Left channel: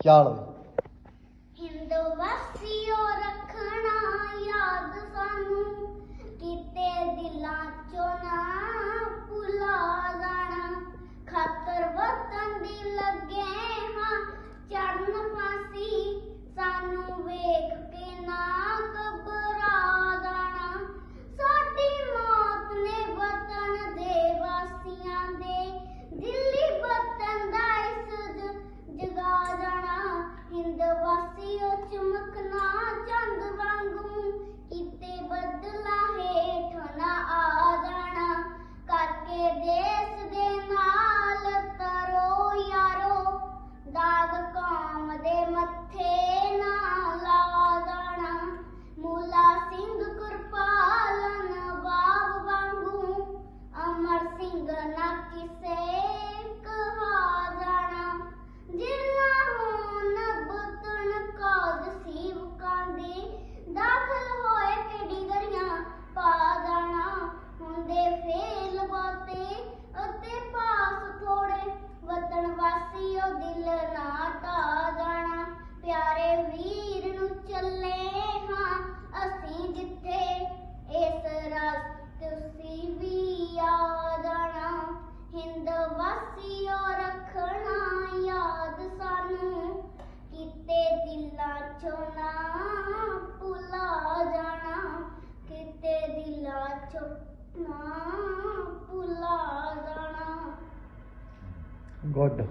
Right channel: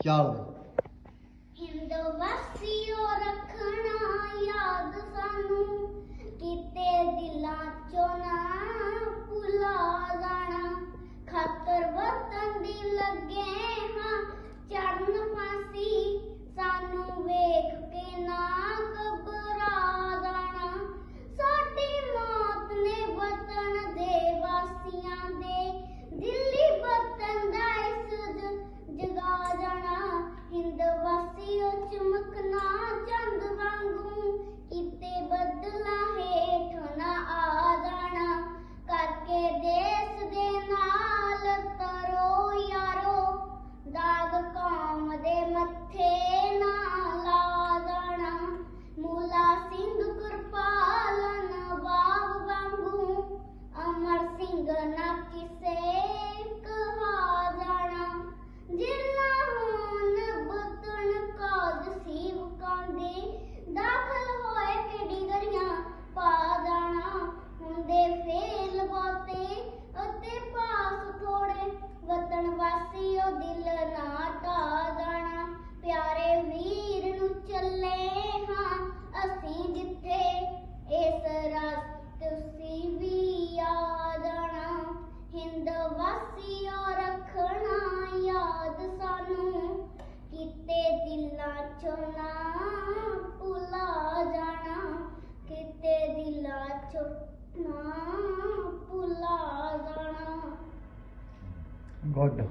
加了 que ser ਵਿੱਚੋਂ ਨਾ ਭੁਲਾ ਜਾਣਾ ਕਿਤੇ ਦਿਲਾਂ ਚੋਂ ਨਾ ਭੁਲਾ ਜਾਣਾ। ਗੁੱਡ